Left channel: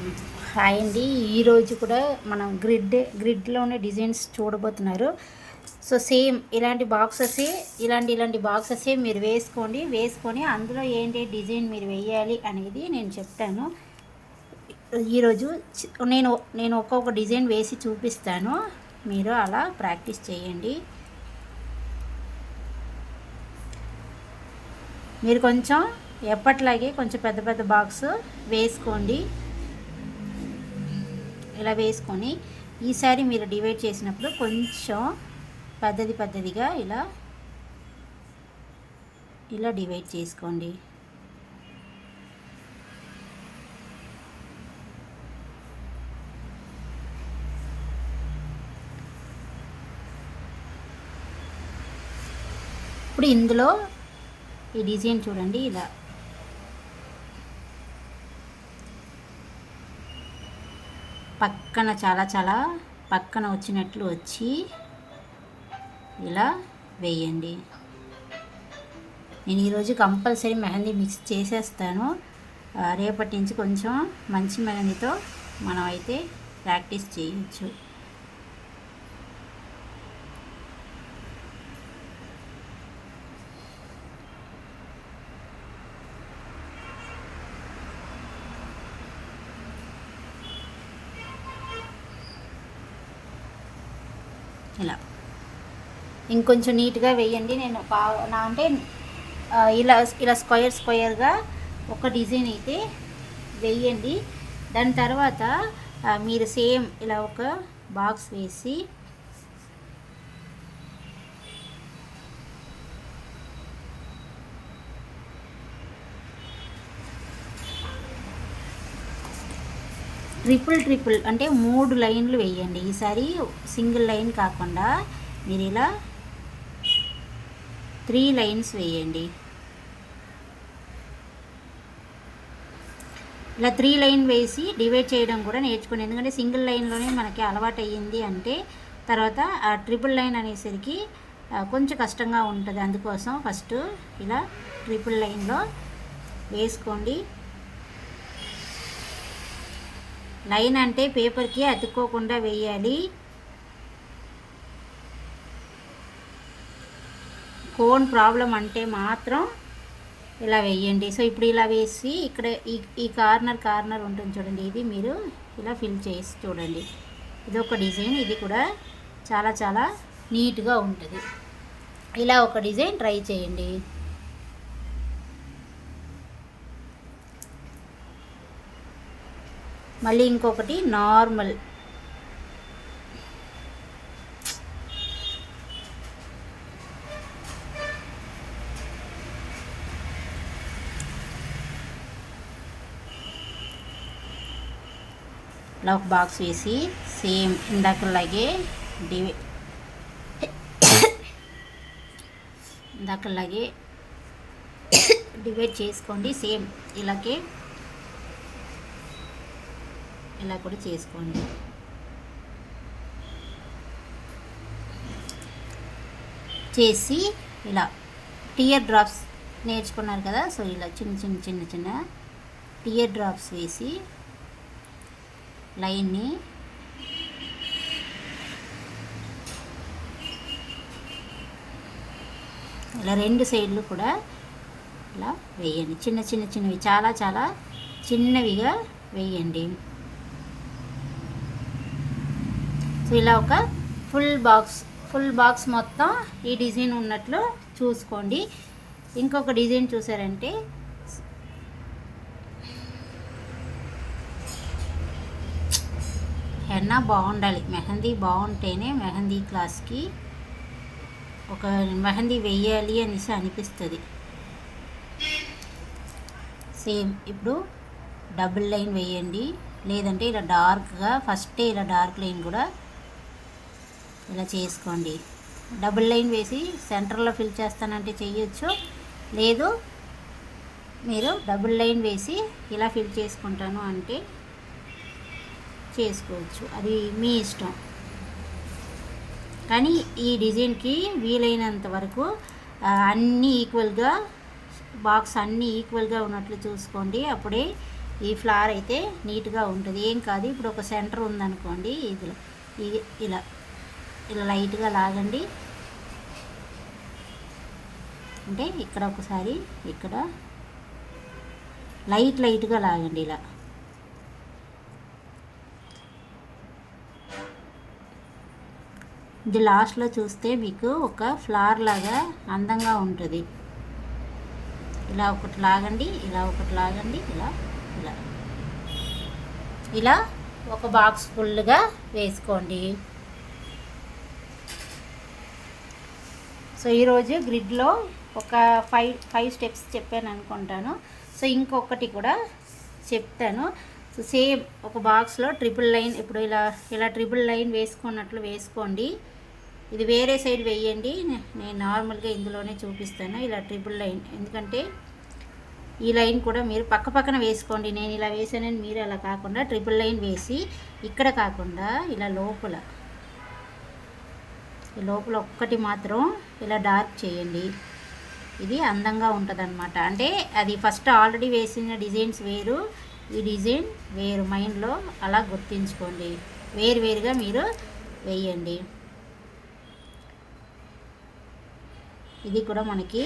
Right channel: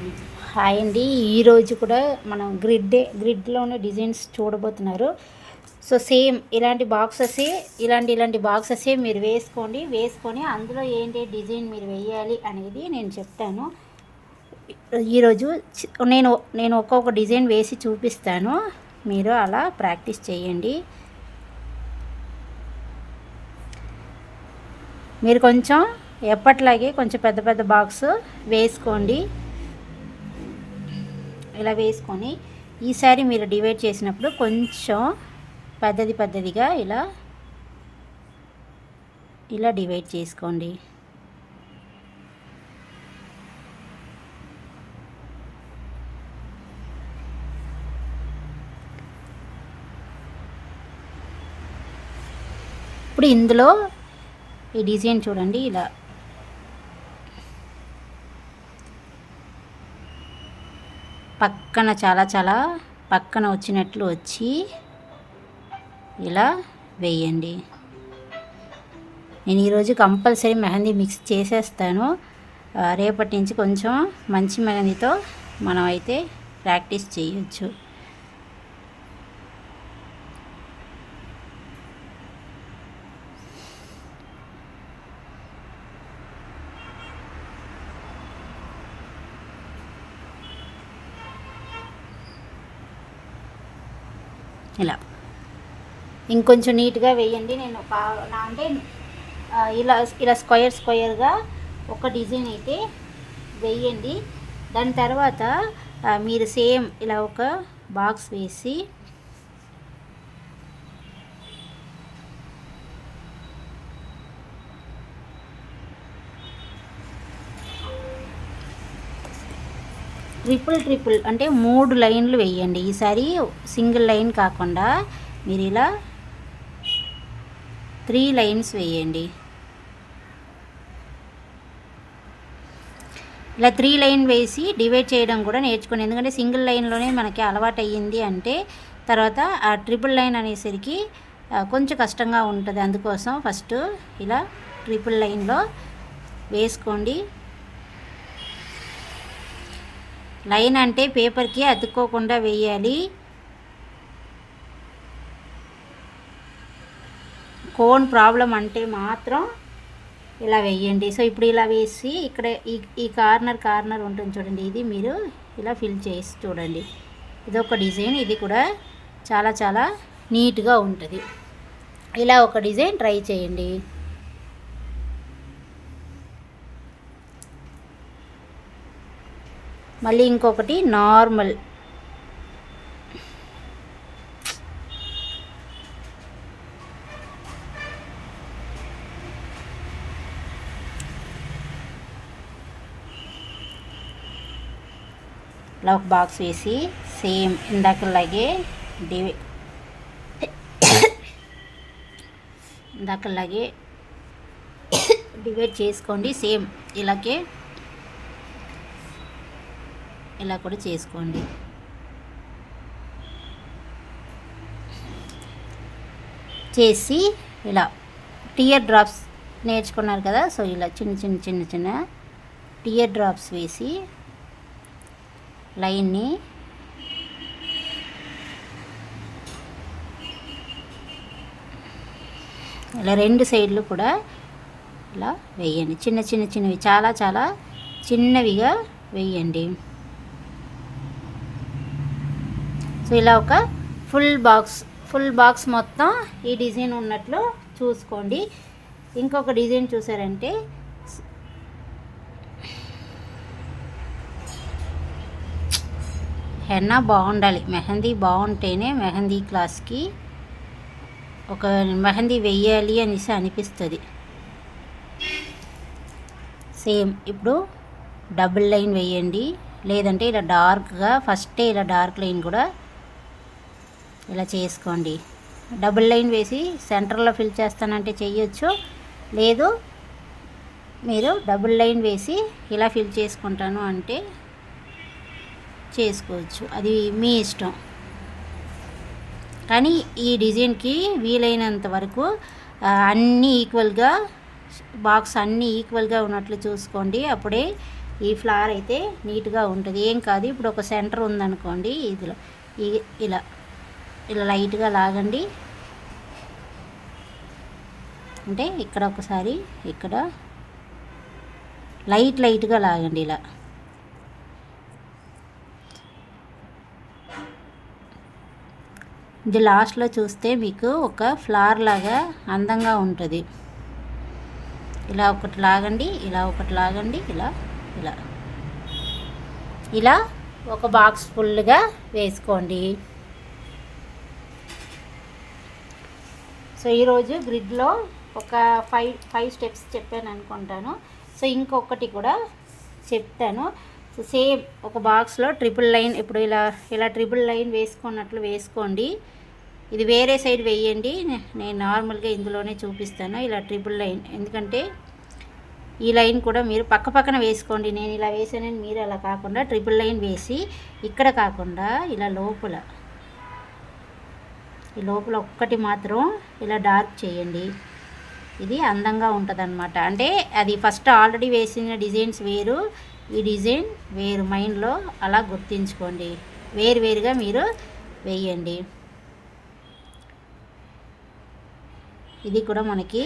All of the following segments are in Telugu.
హాయ్ అండి. ఈరోజు కూడా మనం గ్రిడ్లోనే డిజైన్స్ చూడబోతున్నారు. సో సేమ్ ఇలాంటి బాక్సెసే మీరు వేసుకొని అందులో ఏంటి డిజైన్ మీరు వేయాలి అనేది నేను చెప్తాను. ఈరోజు నేను ఒక్కొక్క డిజైన్ వేసి చూపిస్తాను, మీరు అలా ప్రాక్టీస్ చేయండి. మీరు కొంచెం ఎప్పట్లాగే కొంచెం పెద్ద పెద్ద బాక్స్ వేసుకోండి. ఇలా వేసుకొని ఈసారి మీరు డివైడ్ చేసినప్పుడు కొంచెం పెద్దదిగా ఇలా డివైడ్ చేసుకోండి. ఇప్పుడు ఇందులో ఈ డిజైన్ చూడండి, ఇలా పక్కన చాలా పక్కన వచ్చినట్లు వచ్చి ఇలా వేయండి. నేను ఈరోజు కంపల్సరీ మెహందీ మిక్స్ చేసేస్తాను. రేపటి నుంచి కొంచెం మంచి మెహందీతో మనం అయితే ప్రాక్టీస్ చేయొచ్చు. ఇలా ఇంకొంచెం నీట్గా వేయండి. నేను అంటే ఇలా స్క్వేర్గా ఒక డిజైన్ అయితే వేయండి. దాని తర్వాత మీరు సేమ్ ఇలా ఒక బాక్స్ వేసి ట్రిపుల్ అంటే 3 లైన్లు వేయండి. ఈసారి సింగిల్ లైన్ కాకుండా మీరు ఇలా 3 లైన్స్ వేయండి. ఇలా 3 లైన్ వేసి డివైడ్ చేయడం కూడా నేర్చుకోండి. ఎందుకంటే సింగిల్ లైన్లోనే మనకి అలవాటు అయ్యింది అంటే తర్వాత ఆ ట్రిపుల్ లైన్ అనేసరికి కొంచెం కష్టంగా ఉంటుంది. అందుకోసం ఫస్ట్ ఇలా ట్రిపుల్ లైన్లో వేసుకోండి. లైన్ అంటే పేపర్కి అతుక్కోకుండా వేయాలి. కోన్ ప్రాబ్లం అంటే మాత్రం ఇలా వేయండి. సో ఇప్పుడు ఇలా వేసి ఇక్కడ ఈ కార్నర్ ఉంటుంది చూడండి, ఇది మీరు ఇలా ఫిల్ చేసి చూడండి. ఇదొక డిజైన్, ఇది కూడా చాలా నీట్గా ఉంటుంది. ఇలా ఒక డిజైన్ ట్రై చేయండి. మళ్ళీ ఇంకొకటి నార్మల్ ఇలా ఒక బాక్స్ వేసి సేమ్ ఇందాకలాగే డివైడ్ చేసుకోండి. సేమ్ ఇలాగే ఇలా కూడా చేసుకోండి. చేసి ఇలా టియర్ డ్రాప్స్ నేర్చుకున్నారు కదా, సో ఇలా చిన్న టియర్ డ్రాప్స్ వేసి లైన్ని ఇలా 2 సైడ్లు కూడా ఇలా వేయండి. చిన్నవి చాలా చిన్నవిగా వేయండి. సో ఇలా ఒక ఫుల్ బాక్స్ మొత్తం ఈ డిజైన్ ఉన్నట్లు చూసుకోండి. ఇంకొక డిజైన్ చూసారంటే హెన్నా బాగుండాలి, మెహందీ బాగుంటేనే మెహందీ క్లాస్కి ఒక మెహందీ వెయ్యాలి అనేసి అనిపిస్తుంది. సేమ్ ఇప్పుడు డబుల్ లైన్ వేయండి, లేదంటే ఇలా డార్క్గా ఫస్టే ఇలా డార్క్ లైన్ కూడా ఇలా చేసుకోండి. డబుల్ లైన్ వేసి సెంటర్లో ఫిల్ చేస్తానంటే చేయొచ్చు, లేదు మీరు డబుల్ లైన్ వేసి ఇలా ఫిల్ చేసుకుంటాను అంటే చేసుకోవచ్చు, అది మీ ఇష్టం. కానీ ఈ డిజైన్కి వీలైనంత వరకు అన్నీ ఈక్వల్గా బాక్స్ అన్నీ ఈక్వల్గా ఉన్నట్లు చూసుకోండి. అప్పుడే ఈ ఫ్లవర్ అయితే నీట్గా ఉంటుంది, ఏం కాదు. ఇప్పుడు ఒక సెంటర్ ఉందనుకోండి, ఇదిలో ఇలా ఇలా లైట్గా లాగండి. అంటే ఇక్కడ ఒకసారి ఇక్కడ లైట్గా లాగండి ఇలా. ఇది లాస్ట్లో చూస్తే మీకు ఒక ఫ్లవర్ లాగా అందంగా ఉంటుంది. ఇలా ఒకటి లాగండి, ఇలా ఒకటి లాగండి, ఇలా ఇలా ఇలా ఒక బాక్స్ ఫుల్గా వేసుకోండి. సో ఈరోజు గ్రిడ్లో ఒక ఫైవ్ స్టెప్స్ చెప్పాను అనుకుంటాను. సో ఇంకొకటి కూడా చెప్తాను. సో సేమ్ ఒక బాక్స్లో ట్రిపుల్ లైన్, ఇప్పుడు ఇలా ట్రిపుల్ లైన్ వేసుకున్నట్లు వేసుకోండి. ఇది వేరే సైడ్ వేయండి, నేను నార్మల్గా ఇందులోనే చూపిస్తాను. ఇలా ట్రిపుల్ లైన్, ఎందుకంటే ఈ లైన్ కూడా మీరు పక్కన వేసుకోండి. నేను ఇలా వేసానని మీరు అలా కాకుండా ట్రిపుల్ లైన్ వేసి ఇక్కడ కాకుండా ఇలా ఈ లోపల ఒక్కటి మాత్రం ఇలా డార్క్ చేయండి. ఇది అందంగా ఉంటుంది అన్నమాట. అంటే అది ఫస్ట్ ఆల్రెడీ వేసిన డిజైన్స్ వేరు, ఈ డిజైన్ వేరు. మైండ్లో అలా గుర్తించుకోండి, వేరుగా మీరు వేయండి. ఇది కూడా మనకి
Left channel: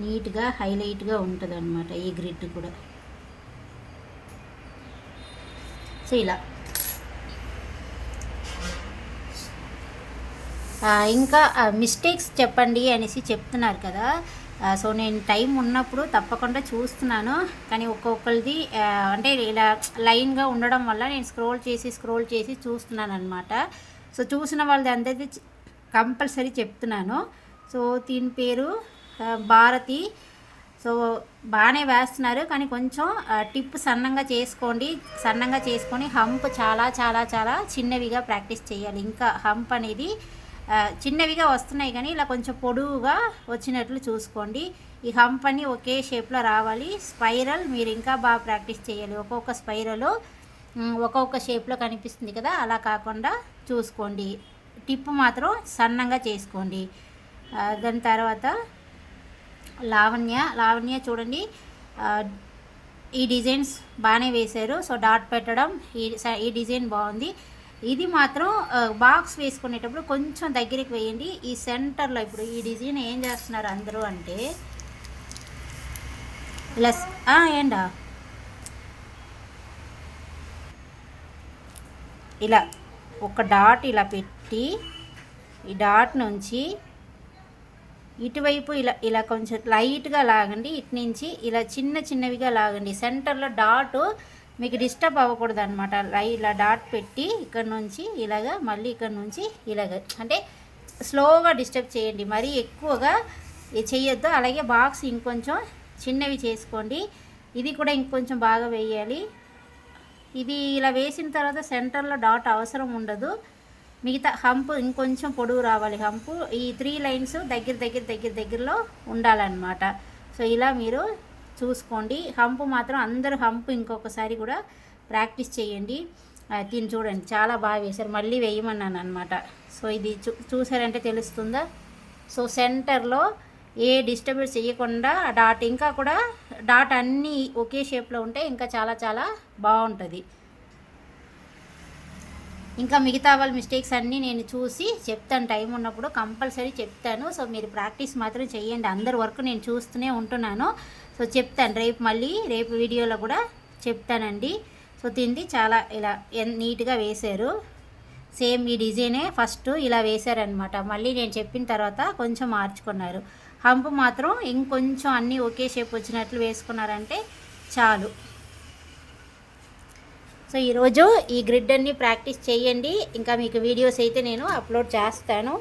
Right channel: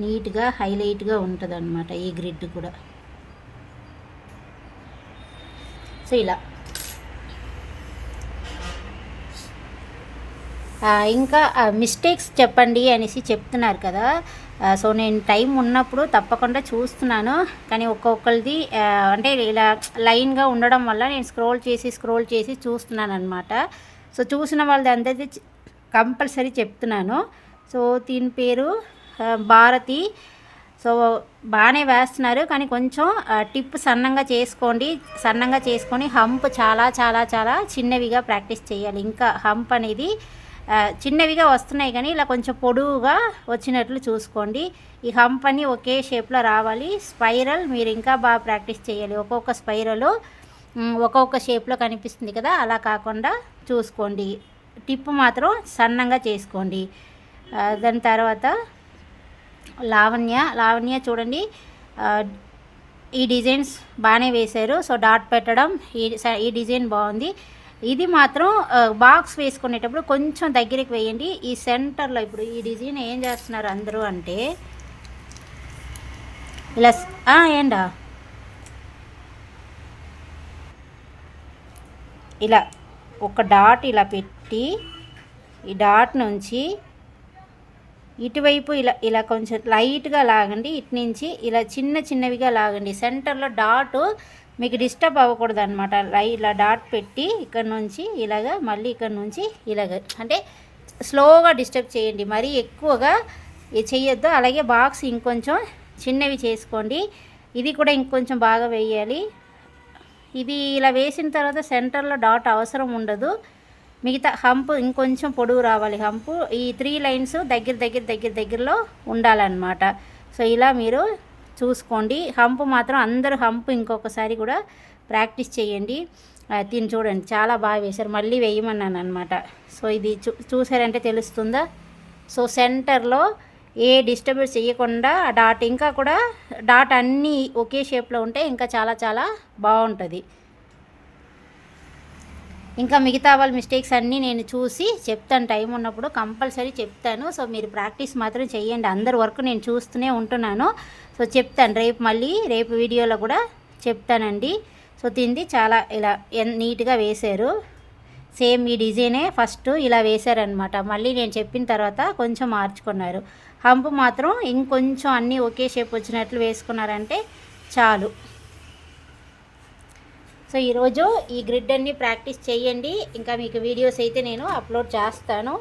నీట్గా హైలైట్గా ఉంటుంది అన్నమాట, ఈ గ్రిడ్ కూడా. సో ఇలా ఇంకా మిస్టేక్స్ చెప్పండి అనేసి చెప్తున్నారు కదా. సో నేను టైం ఉన్నప్పుడు తప్పకుండా చూస్తున్నాను, కానీ ఒక్కొక్కరిది అంటే ఇలా లైన్గా ఉండడం వల్ల నేను స్క్రోల్ చేసి చూస్తున్నాను అనమాట. సో చూసిన వాళ్ళది అందరిది కంపల్సరీ చెప్తున్నాను. సో దీని పేరు భారతి. సో బాగానే వేస్తున్నారు, కానీ కొంచెం టిప్ సన్నంగా చేసుకొని హంప్ చాలా చాలా చాలా చిన్నవిగా ప్రాక్టీస్ చేయాలి. ఇంకా హంప్ అనేది చిన్నవిగా వస్తున్నాయి, కానీ ఇలా కొంచెం పొడవుగా వచ్చినట్లు చూసుకోండి. ఈ హంప్ అని ఒకే షేప్లో రావాలి. స్పైరల్ మీరు ఇంకా బాగా ప్రాక్టీస్ చేయాలి. ఒక్కొక్క స్పైరల్ ఒక్కొక్క షేప్లో కనిపిస్తుంది కదా, అలా కాకుండా చూసుకోండి. టిప్ మాత్రం సన్నంగా చేసుకోండి. దాని తర్వాత లావణ్య చూడండి, ఈ డిజైన్స్ బాగానే వేశారు. సో డాట్ పెట్టడం, ఈ డిజైన్ బాగుంది. ఇది మాత్రం బాక్స్ వేసుకునేటప్పుడు కొంచెం దగ్గరికి వేయండి. ఈ సెంటర్లో ఇప్పుడు ఈ డిజైన్ ఏం చేస్తున్నారు అందరూ అంటే ఇలా ఇలా ఒక డాట్ ఇలా పెట్టి, ఈ డాట్ నుంచి ఇటువైపు ఇలా కొంచెం లైట్గా లాగండి. ఇటు నుంచి ఇలా చిన్నవిగా లాగండి. సెంటర్లో డాట్ మీకు డిస్టర్బ్ అవ్వకూడదు అనమాట. ఇలా డాట్ పెట్టి ఇక్కడ నుంచి ఇలాగా, మళ్ళీ ఇక్కడ నుంచి ఇలాగ, అంటే స్లోగా డిస్టర్బ్ చేయండి, మరీ ఎక్కువగా చేయొద్దు. అలాగే బాక్స్ ఇంకొంచెం చిన్నవి చేసుకోండి. ఇది కూడా ఇంకొంచెం బాగా వేయాలి. ఇది ఇలా వేసిన తర్వాత సెంటర్లో డాట్ అవసరం ఉండదు. మిగతా హంప్ ఇంకొంచెం పొడవు రావాలి. హంపు ఈ 3 లైన్స్ దగ్గరలో ఉండాలన్నమాట. సో ఇలా మీరు చూసుకోండి. హంప్ మాత్రం అందరూ హంప్ ఇంకొకసారి కూడా ప్రాక్టీస్ చేయండి. దీన్ని చూడండి చాలా బాగా వేశారు, మళ్ళీ వేయమన్నాను అనమాట. సో ఇది చూసారంటే తెలుస్తుందా. సో సెంటర్లో ఏ డిస్టర్బెన్స్ చేయకుండా డాట్, ఇంకా కూడా డాట్ అన్నీ ఒకే షేప్లో ఉంటే ఇంకా చాలా చాలా బాగుంటుంది. ఇంకా మిగతా వాళ్ళ మిస్టేక్స్ అన్నీ నేను చూసి చెప్తాను, టైం ఉన్నప్పుడు కంపల్సరీ చెప్తాను. సో మీరు ప్రాక్టీస్ మాత్రం చేయండి. అందరి వర్క్ నేను చూస్తూనే ఉంటున్నాను. సో చెప్తాను రేపు వీడియోలో కూడా చెప్తానండి. సో దీన్ని చాలా ఇలా నీట్గా వేశారు. సేమ్ ఈ డిజైనే ఫస్ట్ ఇలా వేశారనమాట. మళ్ళీ నేను చెప్పిన తర్వాత కొంచెం మార్చుకున్నారు. హంప్ మాత్రం ఇంకొంచెం అన్నీ ఒకే షేప్ వచ్చినట్లు వేసుకున్నారంటే చాలు. సో ఈరోజు ఈ గ్రిడ్ అన్ని ప్రాక్టీస్ చేయండి. ఇంకా మీకు వీడియోస్ అయితే నేను అప్లోడ్ చేస్తాను.